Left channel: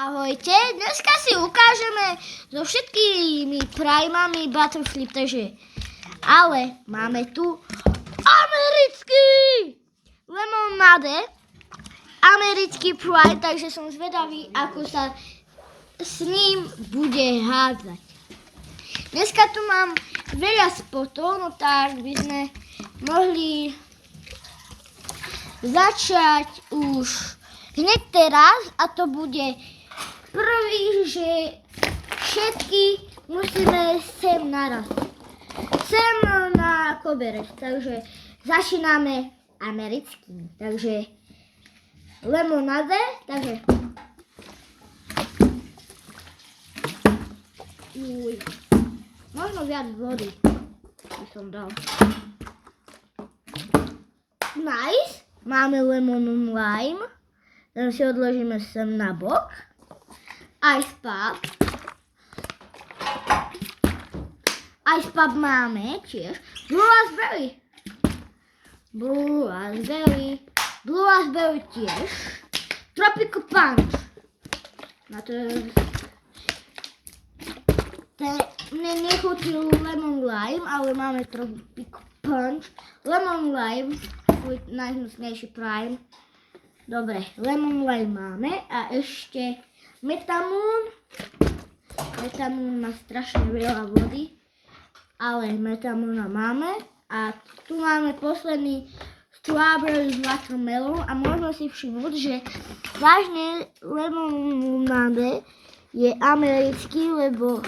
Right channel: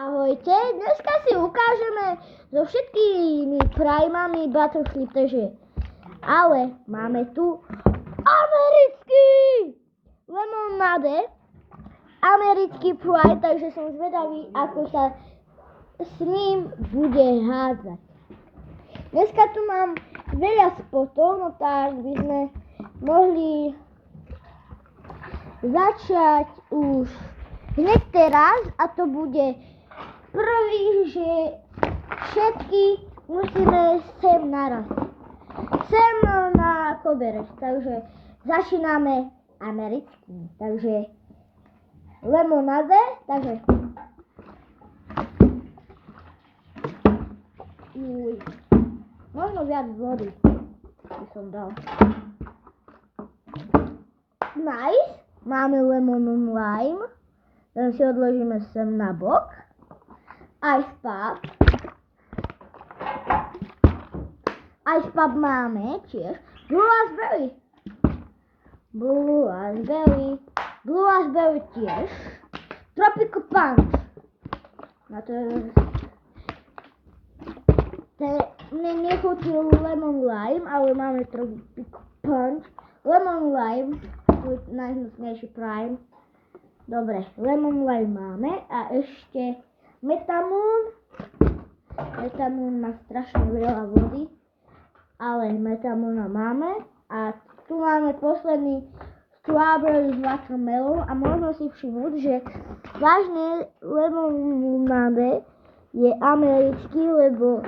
Ahojte, dneska si ukážeme so všetkými primami Butterflip, ale máme tu americký lemonade, americký prime, takže som zvedavý, ako sa s ním bude hádzať. Dneska tu mám veľa spotov, no tak by sme mohli začať už hneď teraz a to bude prvý, že všetky musíme sem naraz. Sem na koberec, takže začíname americkým. Takže lemonade, takže možno viac vody by som dal. Nice, máme lemon lime, ten si odložíme sem na bok. Ice pop. Ice pop máme tiež. Blue raspberry. Blue raspberry tiež. Tropical punch. Na to nechutí lemon lime, ale máme tropical punch. Lemon lime, svoj najhnusnejší prime. Dobre, lemon lime máme a ešte metamún. Metamún má strašne veľa vody, ale metamúna máme. A tu máme posledný strawberry watermelon a môžeme si všimnúť, že vážne lemonade je americký, lebo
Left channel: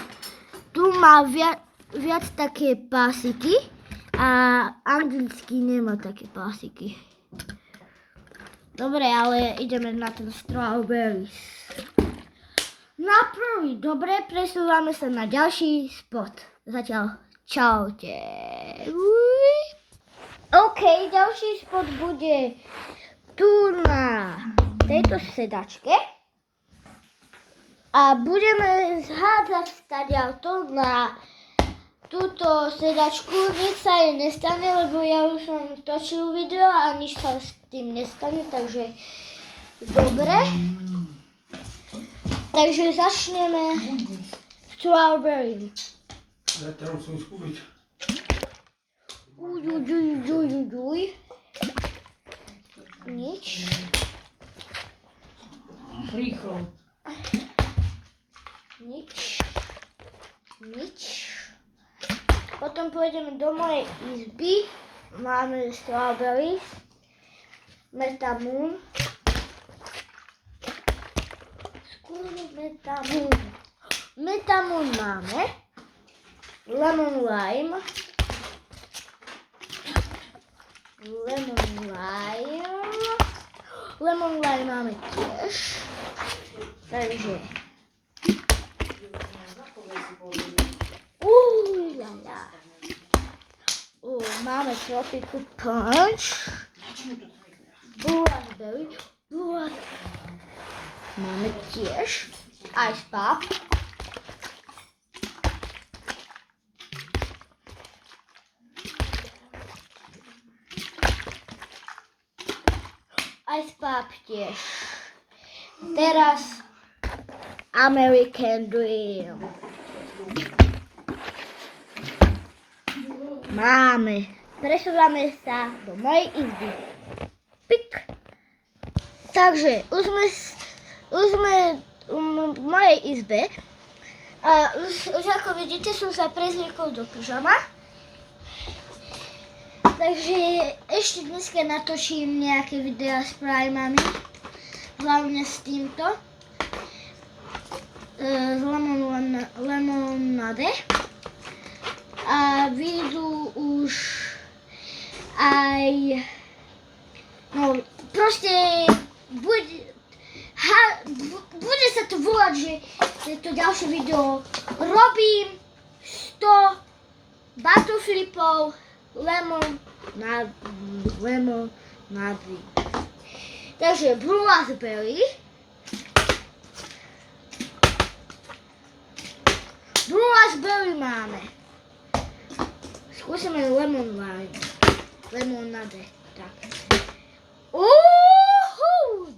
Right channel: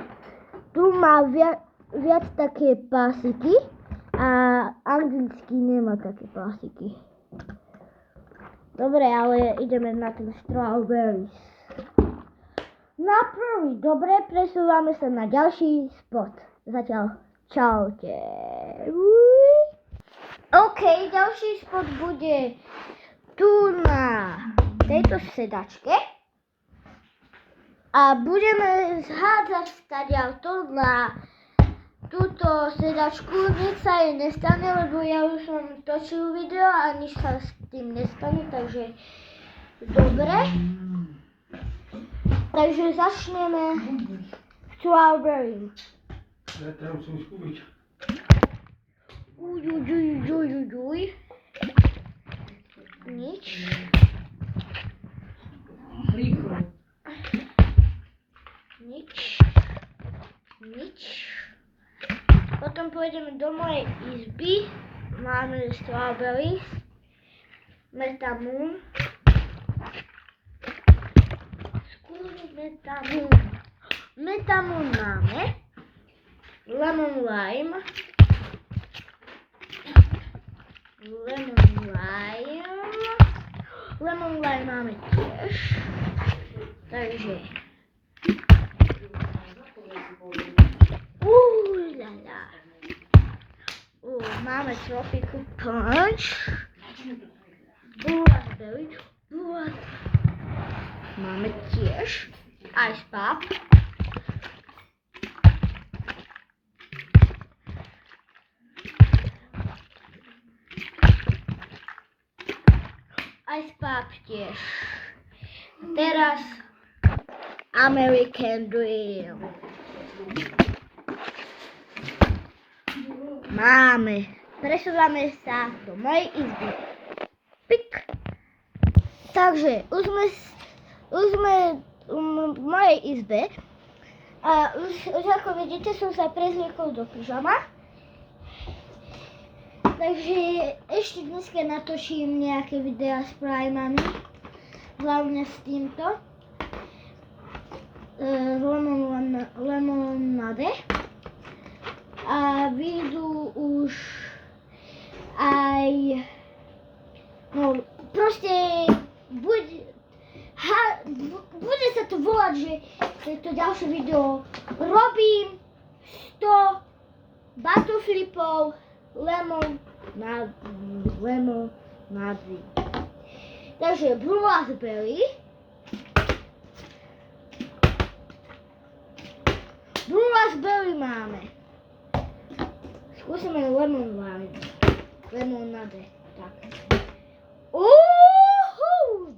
tu má viac také pásiky a anglický nemá také pásiky. Dobre, ale ideme na ten strawberry. Na prvý, dobre, presúvame sa na ďalší spot. Zatiaľ, čaute. OK, ďalší spot bude tu na tejto sedačke. A budeme zhádzať stadiaľto na túto sedačku. Nič sa jej nestane, lebo ja už som točil video a nič sa s tým nestane, takže dobre. Takže začneme strawberry. Dajte nám musím skúbiť. Uj. Nič. Rýchlo. Nič. Potom pôjdeme do mojej izby. Máme strawberry. Metamún. Metamún máme. Lemon lime. Lemon lime máme tiež. Takže máme tropical punch. Blue raspberry. Máme tiež ice pop. Ice pop tiež. Teraz American Dream. Máme. Presúvame sa do mojej izby. Pik. Takže už sme v mojej izbe a už ako vidíte som sa prezliekol do pyžama. Takže ešte dneska natočím nejaké videá s primami, hlavne s týmto, z lemonade. A vyjdú už aj, no proste bude sa to volať, že to ďalšie video robím 100 Butterflipov lemonade. Takže blue raspberry. Blue raspberry máme. Skúsime lemon lime. Lemonade. Tak.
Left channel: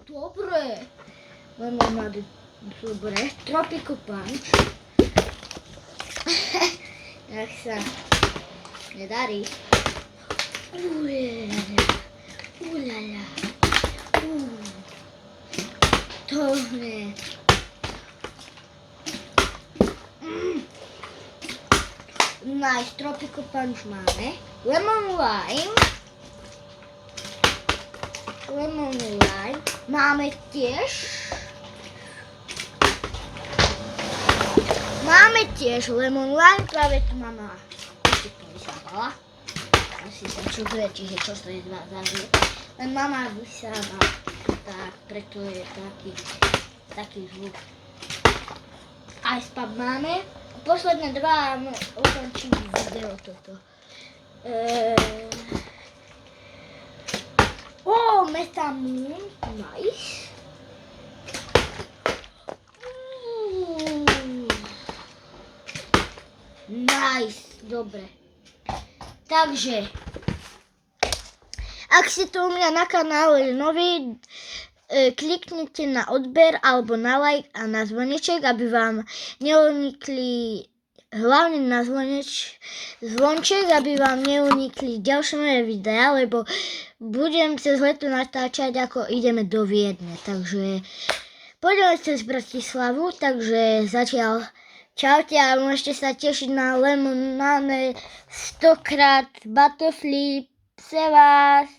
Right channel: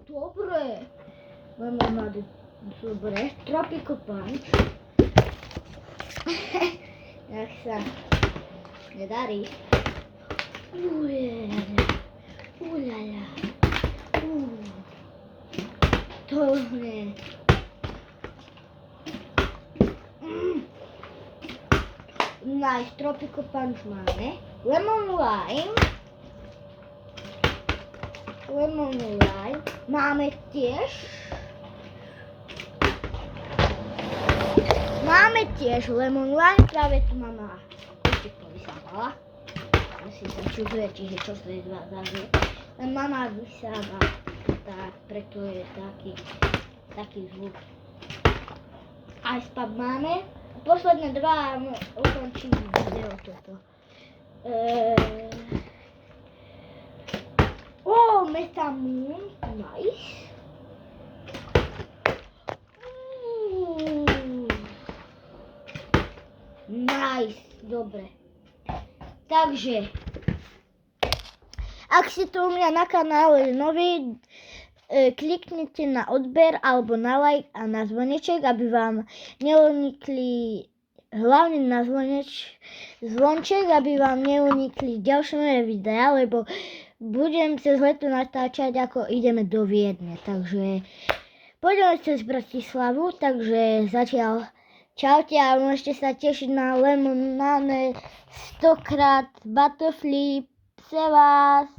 Dobre. Lemonade Dobre, Tropico Punch. Jak sa nedarí. Ulala. To ne. Nice, Tropico Punch máme. Lemon Lime. Máme tiež. Lemon Lime, práve tu mama ešte to vysávala. Asi sa čudujete, že čo to je zažiť. Len mama vysáva, tak preto je taký zvuk. Ice Pub máme. Posledné dva ukončím video toto. Metamoon, nice. Nice, dobre. Takže, ak ste tu u mňa na kanále noví, kliknite na odber alebo na like a na zvoneček, aby vám neunikli, hlavne na zvonček, aby vám neunikli ďalšie moje videá, lebo budem cez leto natáčať, ako ideme do Viedne. Takže pôjdeme cez Bratislavu, takže zatiaľ čaute a môžete sa tešiť na lemonade 100x Battleflip. Se vás.